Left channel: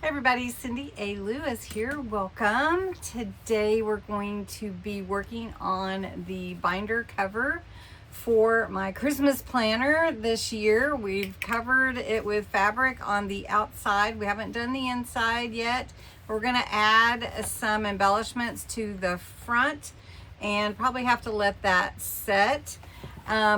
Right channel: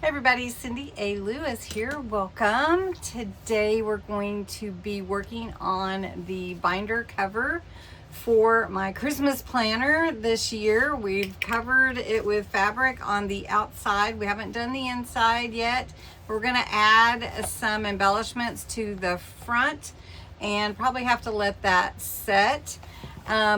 Hey everybody, Cindy A. Lewis here. Welcome. Today we're going to be working on the binder cover for my Christmas planner this year. We've covered it with fabric on the outside. We haven't done the inside yet. We're going to add some embellishments to the front and probably have to let that set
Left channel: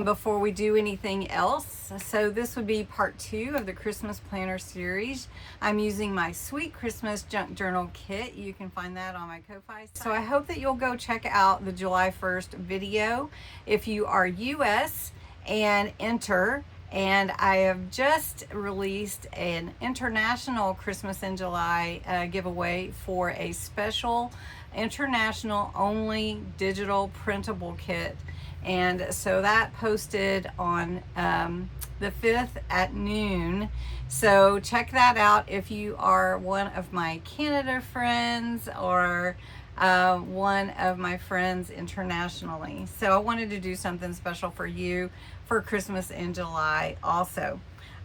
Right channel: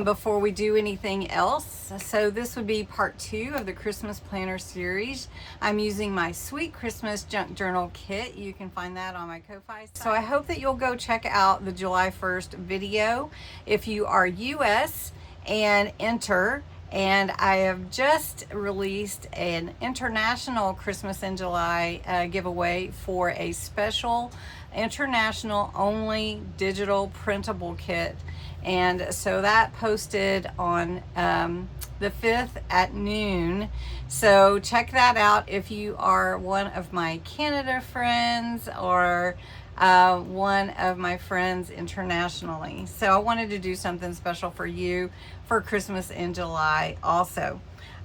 before we do anything else. So this would be part 2 of the Christmas planner series. I'm using my Sweet Christmas Junk Journal kit. You can find that on my Ko-Fi site. So I hope that you'll go check out the July 1st video if you are US and enter. And I have just released an international Christmas in July giveaway for a special international only digital printable kit. And so that posted on the 5th at noon. So check that out if you are one of my Canada friends or one of my friends internationally. So I wanted to do something special for you for Christmas in July also.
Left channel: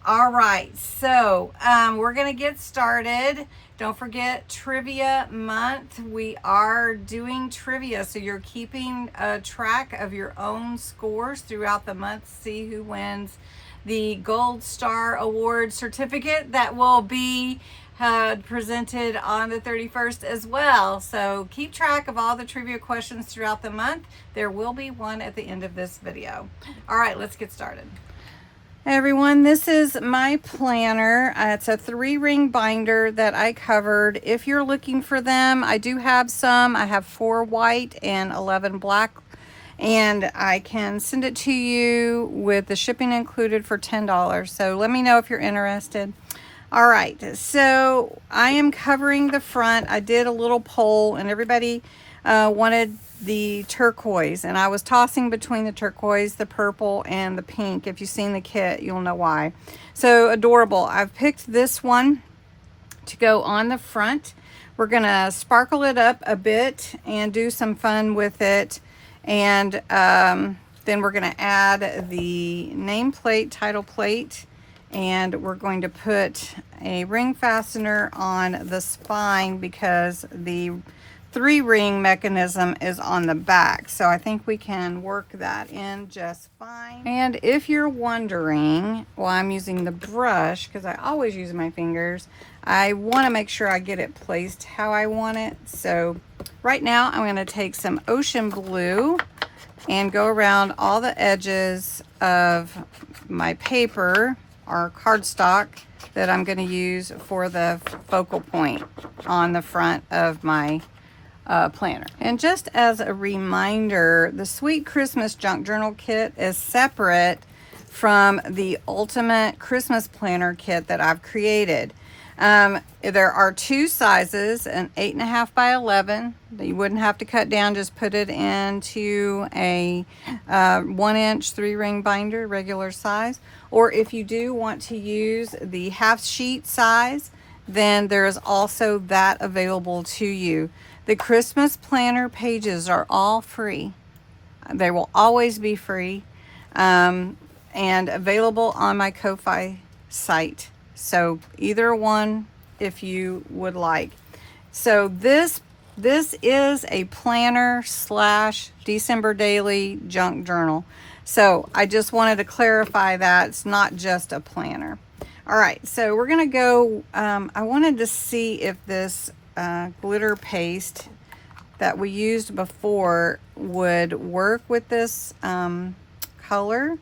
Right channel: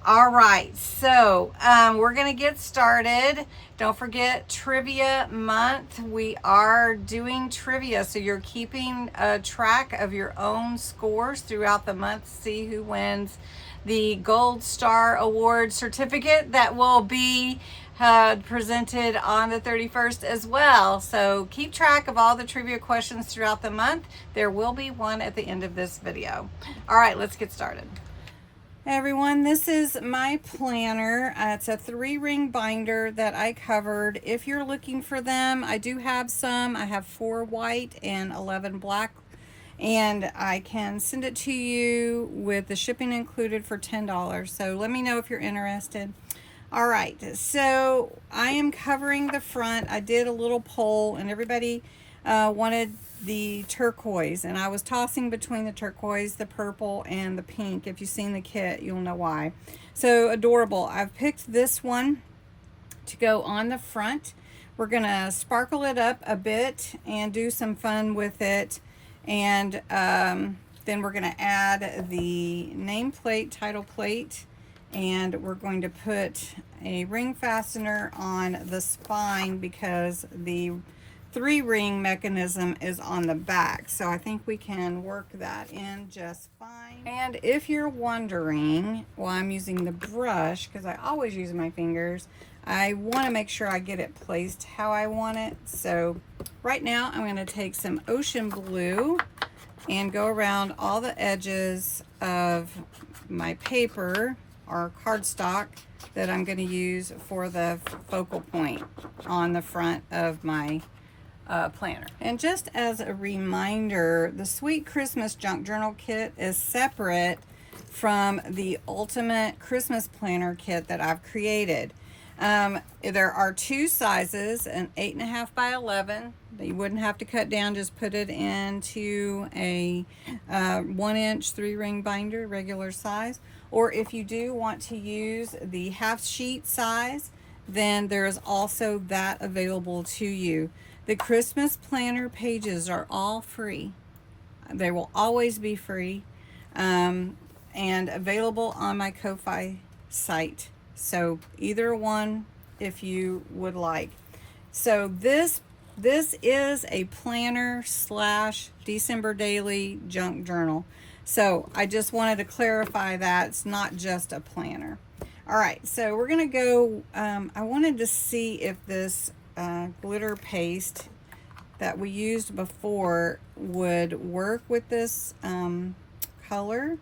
All right, so we're gonna get started. Don't forget trivia month. We are doing trivia, so you're keeping track of your own scores throughout the month. See who wins the Gold Star Award certificate that will be presented on the 31st as well. So keep track of all the trivia questions throughout the month. There will be one at the end of this video. All right, let's get started. Hey everyone, this is my planner. It's a 3-ring binder that I covered. If you're looking for them, I do have some. I have 4 white and 11 black, and I can send it to you with the shipping included for $10. So let me know if you're interested. All right, so I am covering the front. I did a little poll and everybody wanted the turquoise, and I was tossing between the turquoise, the purple, and the pink. If you've seen the kit, you'll know why. So adorable. I've picked this one to go on the front. We're gonna sparkle it up a bit and do some fun with it, and then we're gonna add the nameplate, title plate, and we're going to put a ring fastener on the spine because the 3-ring mechanism is on the back. So I think we can work that in just fine. And if you're wondering why I'm using the brush, because I always use my fingers, I want to make sure I get it placed how I want it. So right now I'm going to take some ocean blue and go around all the edges of my paper or cardstock that I'm going to use for the focal point on the front of my planner. And just as a reminder, the Sweet Christmas Junk Journal kit is separate from the Ultimate Christmas Planner kit that I've created. There are 2 sizes, an 8.5 by 11 that you wouldn't have to cut down, just put it into a 1-inch 3-ring binder, regular size. Or if you do want to use the half sheet size, then there is also that available to you. The Christmas planner pages are all free. They will always be free and available on my Ko-Fi site. So either one if you would like. So this is a planner / December daily junk journal. So I just wanted to clarify that it's not just a planner. All right, so we're gonna go, I wanted to see if this glitter paste that we used before would work with this color.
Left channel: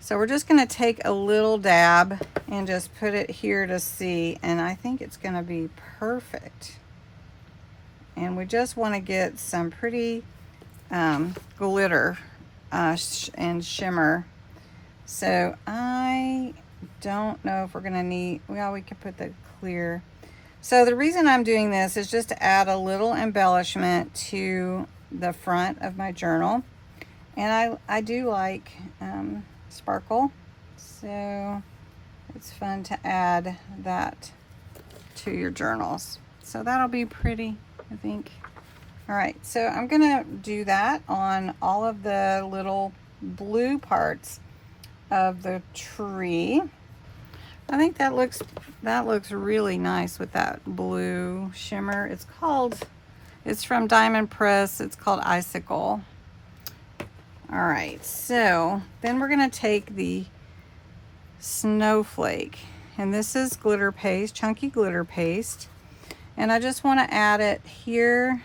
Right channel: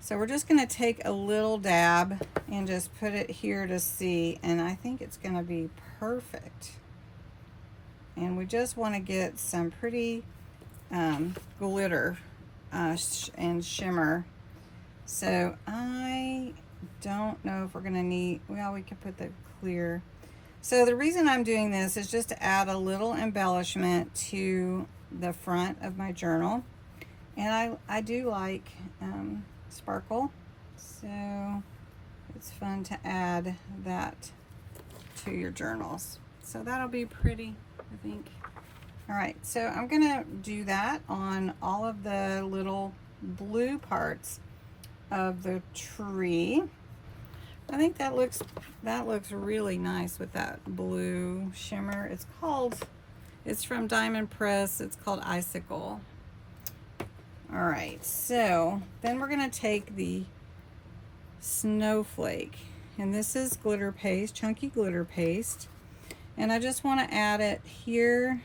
So we're just gonna take a little dab and just put it here to see, and I think it's gonna be perfect. And we just wanna get some pretty glitter and shimmer. So I don't know if we're gonna need, well, we could put the clear. So the reason I'm doing this is just to add a little embellishment to the front of my journal. And I do like sparkle, so it's fun to add that to your journals. So that'll be pretty, I think. All right, so I'm gonna do that on all of the little blue parts of the tree. I think that looks really nice with that blue shimmer. It's from Diamond Press. It's called Icicle. All right, so then we're gonna take the snowflake, and this is glitter paste, chunky glitter paste, and I just want to add it here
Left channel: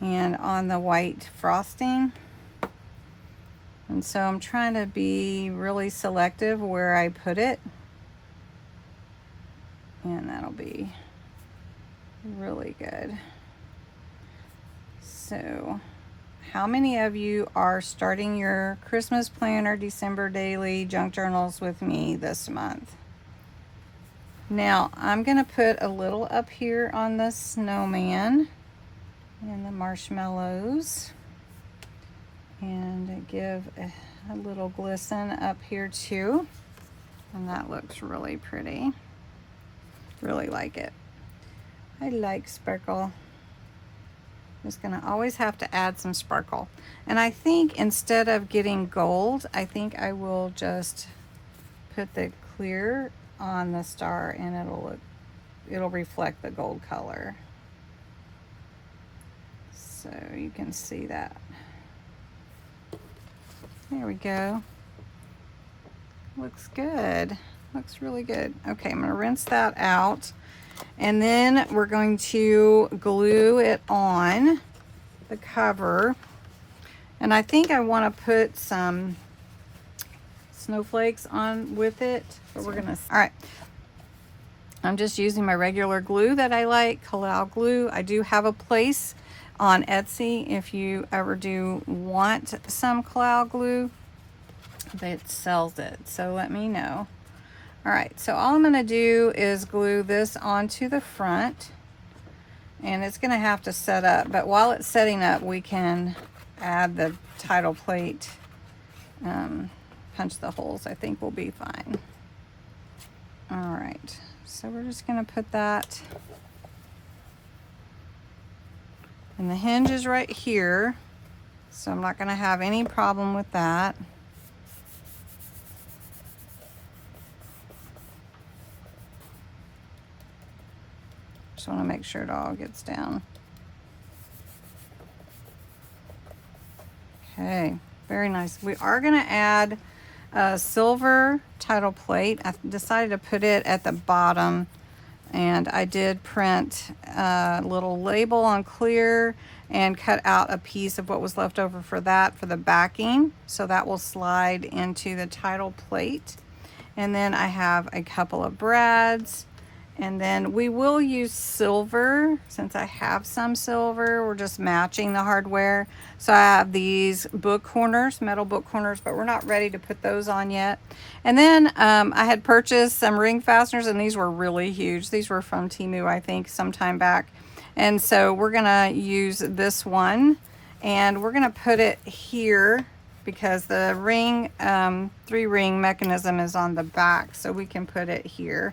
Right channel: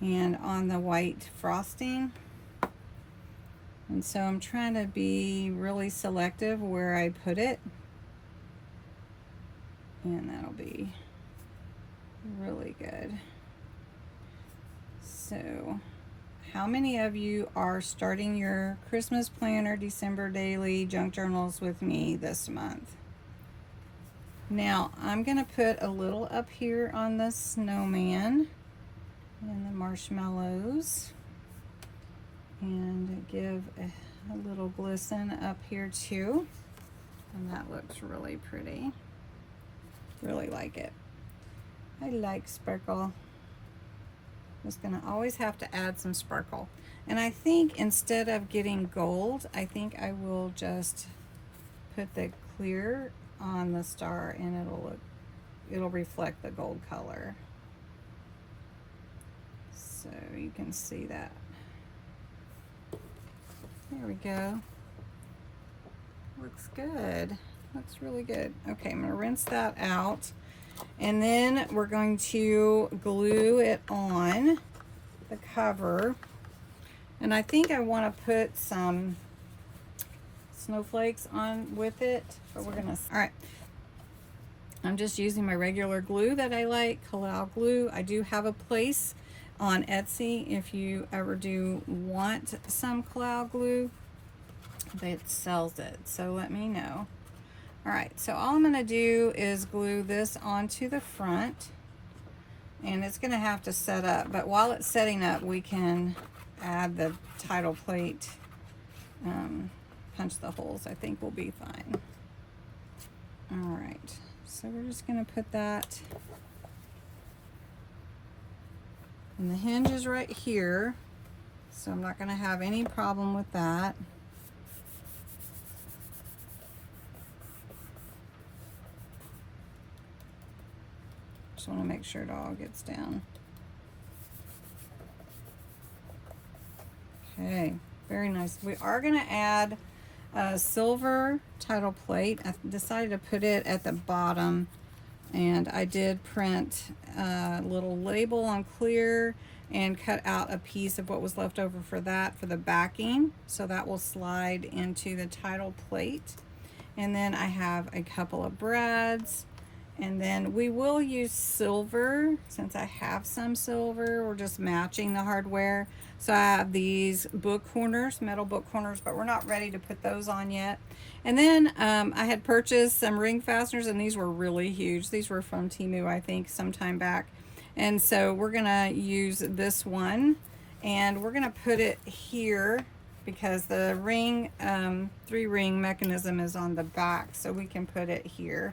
and on the white frosting. And so I'm trying to be really selective where I put it, and that'll be really good. So how many of you are starting your Christmas planner December daily junk journals with me this month? Now I'm gonna put a little up here on the snowman and the marshmallows, and give a little glisten up here too, and that looks really pretty. Really like it. I like sparkle. Just gonna always have to add some sparkle, and I think instead of getting gold, I think I will just put the clear on the star, and it'll reflect the gold color, so you can see that. There we go. Looks good. Looks really good. Okay, I'm gonna rinse that out, and then we're going to glue it on the cover. And I think I want to put some snowflakes on with it, but we're gonna, all right. I'm just using my regular glue that I like, Kalau glue. I do have a place on Etsy if you ever do want some Kalau glue that sells it, so let me know. All right, so all I'm gonna do is glue this onto the front, and it's gonna have to set up, but while it's setting up, we can add the title plate, punch the holes. I think we'll be fine. All right, so we're just gonna put that, and the hinge is right here, so I'm not gonna have any problem with that. Just want to make sure it all gets down. Okay, very nice. We are going to add a silver title plate. I decided to put it at the bottom, and I did print a little label on clear and cut out a piece of what was left over for that for the backing, so that will slide into the title plate. And then I have a couple of brads. And then we will use silver, since I have some silver. We're just matching the hardware. So I have these book corners, metal book corners, but we're not ready to put those on yet. And then I had purchased some ring fasteners, and these were really huge. These were from Temu, I think, sometime back. And so we're gonna use this one, and we're gonna put it here because the ring, 3-ring mechanism is on the back, so we can put it here.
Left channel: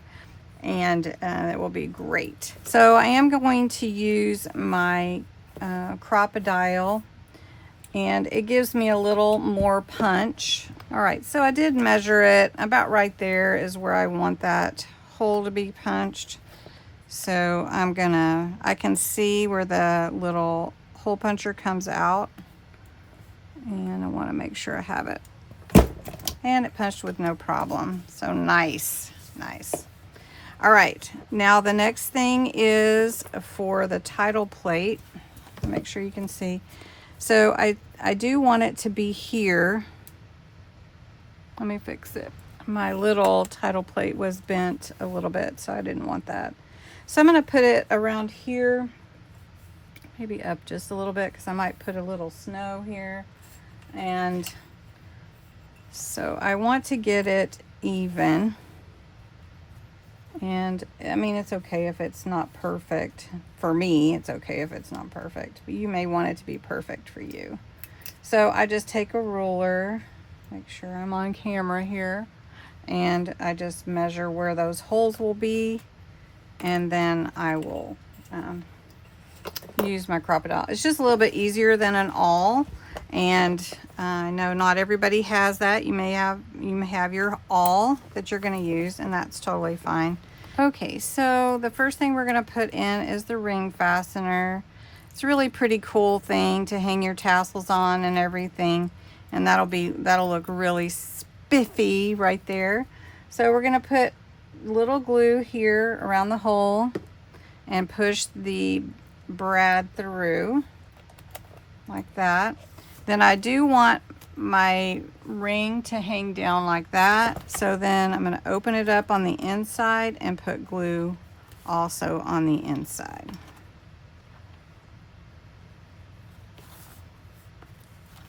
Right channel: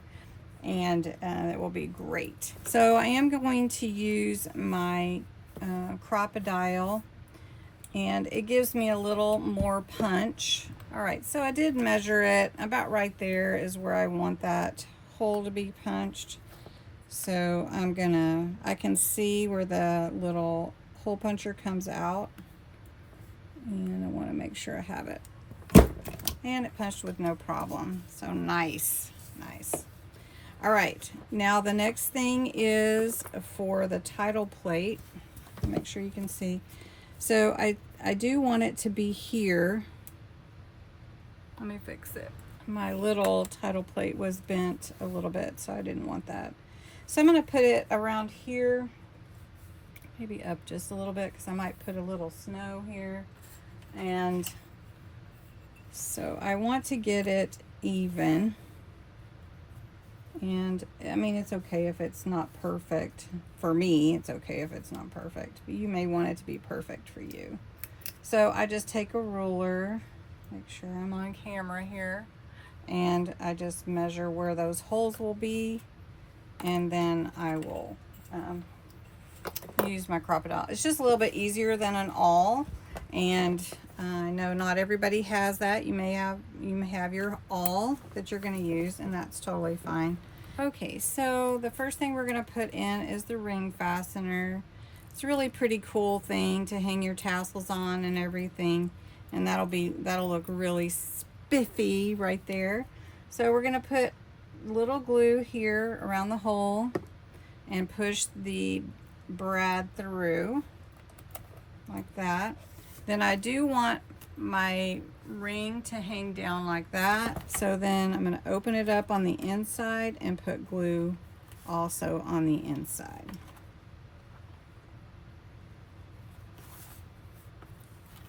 And it will be great. So I am going to use my crocodile, and it gives me a little more punch. All right, so I did measure it. About right there is where I want that hole to be punched. So I can see where the little hole puncher comes out, and I want to make sure I have it. And it punched with no problem. So nice, nice. All right, now the next thing is for the title plate. Make sure you can see. So I do want it to be here. Let me fix it. My little title plate was bent a little bit, so I didn't want that. So I'm gonna put it around here, maybe up just a little bit, because I might put a little snow here. And so I want to get it even. And I mean, it's okay if it's not perfect. For me, it's okay if it's not perfect, but you may want it to be perfect for you. So I just take a ruler, make sure I'm on camera here, and I just measure where those holes will be, and then I will use my crocodile. It's just a little bit easier than an awl, And I know not everybody has that. You may have your awl that you're going to use, and that's totally fine. Okay, so the first thing we're going to put in is the ring fastener. It's a really pretty cool thing to hang your tassels on and everything, and that'll look really spiffy right there. So we're going to put little glue here around the hole and push the brad through like that. Then I do want my ring to hang down like that. So then I'm going to open it up on the inside and put glue also on the inside.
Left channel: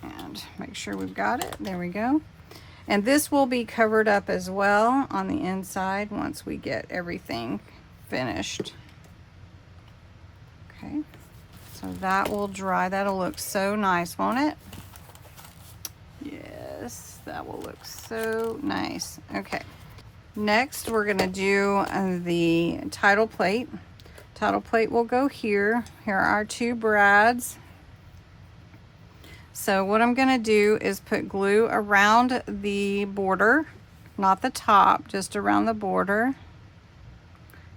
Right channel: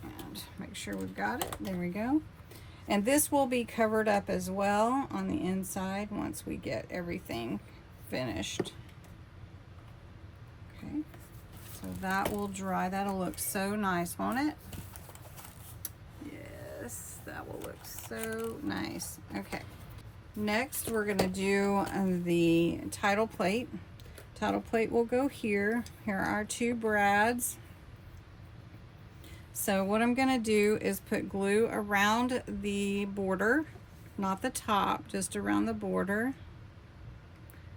And make sure we've got it. There we go. And this will be covered up as well on the inside once we get everything finished. Okay. So that will dry. That'll look so nice, won't it? Yes, that will look so nice. Okay. Next, we're going to do the title plate. Title plate will go here. Here are our two brads. So what I'm going to do is put glue around the border, not the top, just around the border.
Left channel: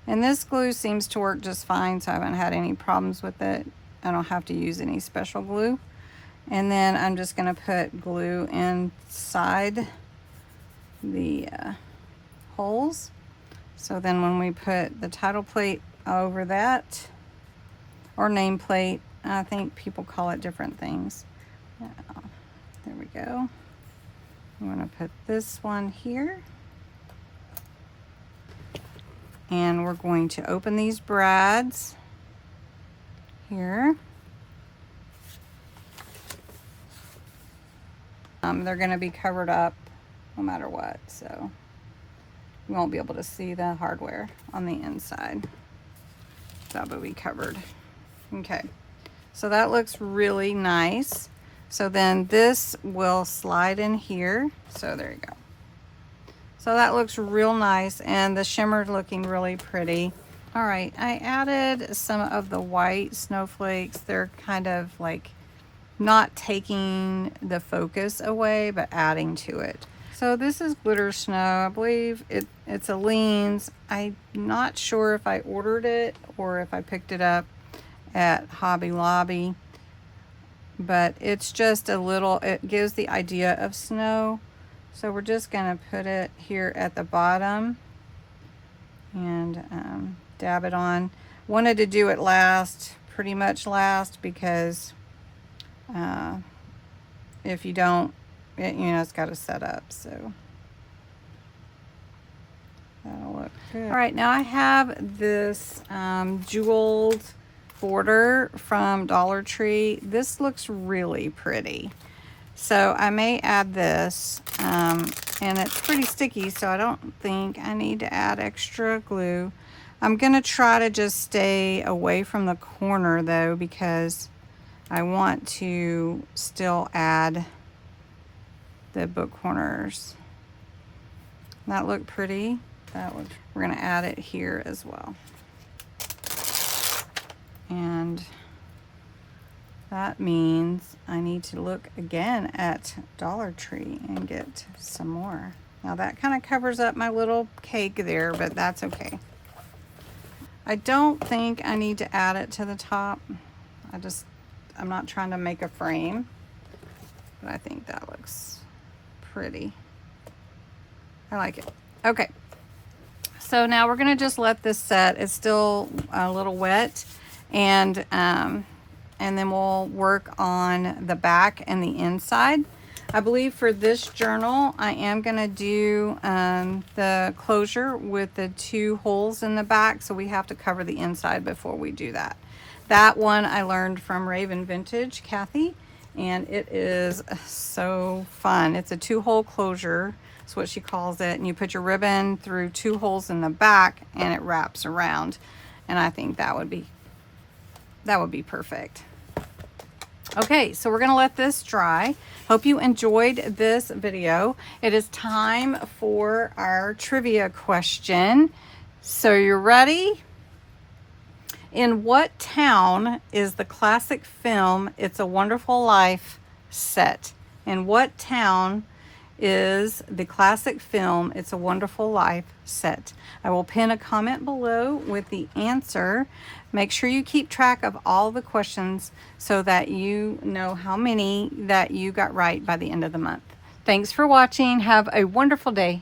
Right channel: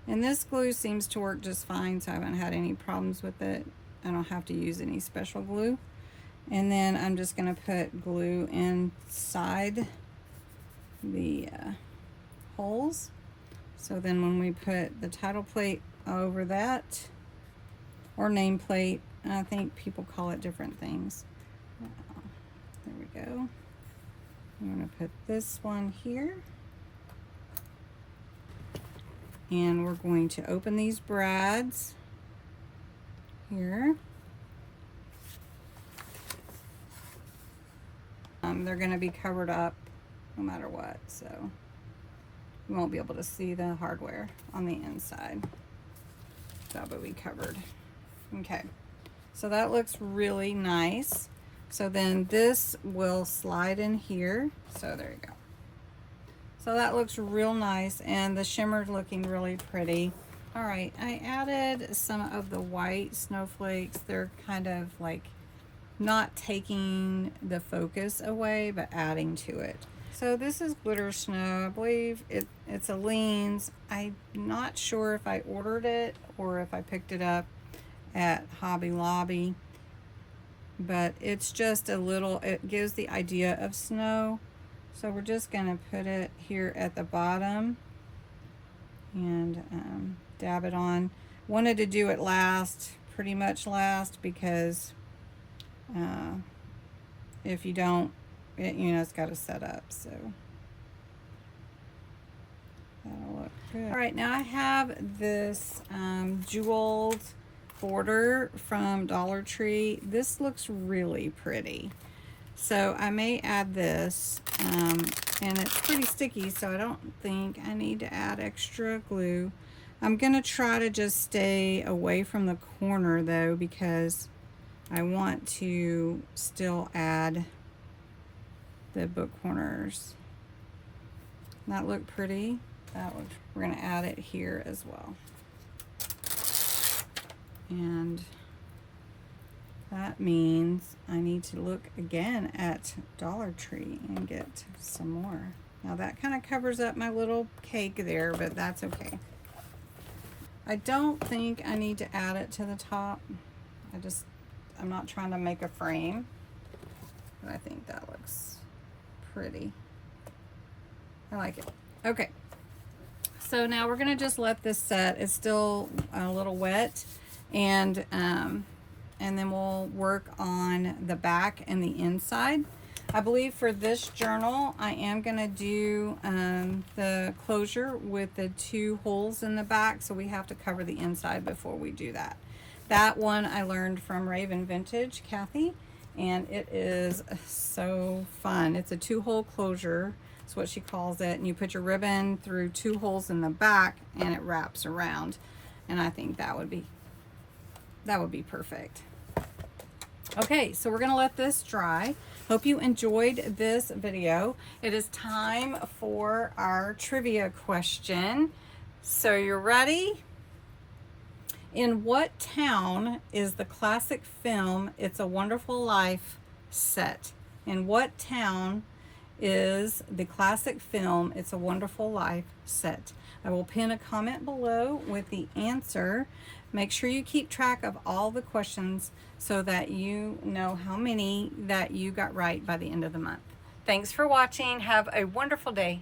And this glue seems to work just fine, so I haven't had any problems with it. I don't have to use any special glue. And then I'm just going to put glue inside the holes. So then when we put the title plate over that, or nameplate, I think people call it different things. There we go. I'm going to put this one here. And we're going to open these brads here. They're going to be covered up no matter what, so you won't be able to see the hardware on the inside. That will be covered. Okay, so that looks really nice. So then this will slide in here. So there you go. So that looks real nice, and the shimmer's looking really pretty. All right, I added some of the white snowflakes. They're kind of like not taking the focus away, but adding to it. So this is glitter snow. I believe it's a Leans. I'm not sure if I ordered it or if I picked it up at Hobby Lobby, but it's just a little, it gives the idea of snow. So we're just gonna put it here at the bottom and dab it on. Wanted to do it last, pretty much last, because if you don't, it's got to set up, so that'll look good. All right, now I have this jeweled border from Dollar Tree. This looks really pretty, so I may add this, and it's pretty sticky, so I don't think I need to add extra glue. I'm gonna try to just stay away from the corner though, because I want to still add the book corners. That look pretty. We're gonna add it here as well. And that means I need to look again at Dollar Tree and get some more. Now that kind of covers up my little cake there, but that's okay. I don't think I need to add it to the top. I'm not trying to make a frame, but I think that looks pretty. I like it. Okay, so now we're gonna just let this set. It's still a little wet, and then we'll work on the back and the inside. I believe for this journal, I am gonna do the closure with the 2 holes in the back, so we have to cover the inside before we do that. That one I learned from Raven Vintage, Kathy, and it is so fun. It's a 2-hole closure, that's what she calls it, and you put your ribbon through 2 holes in the back and it wraps around, and I think that would be perfect. Okay, so we're gonna let this dry. Hope you enjoyed this video. It is time for our trivia question. So you're ready? In what town is the classic film It's a Wonderful Life set? And what town is the classic film It's a Wonderful Life set? I will pin a comment below with the answer. Make sure you keep track of all the questions so that you know how many that you got right by the end of the month. Thanks for watching. Have a wonderful day.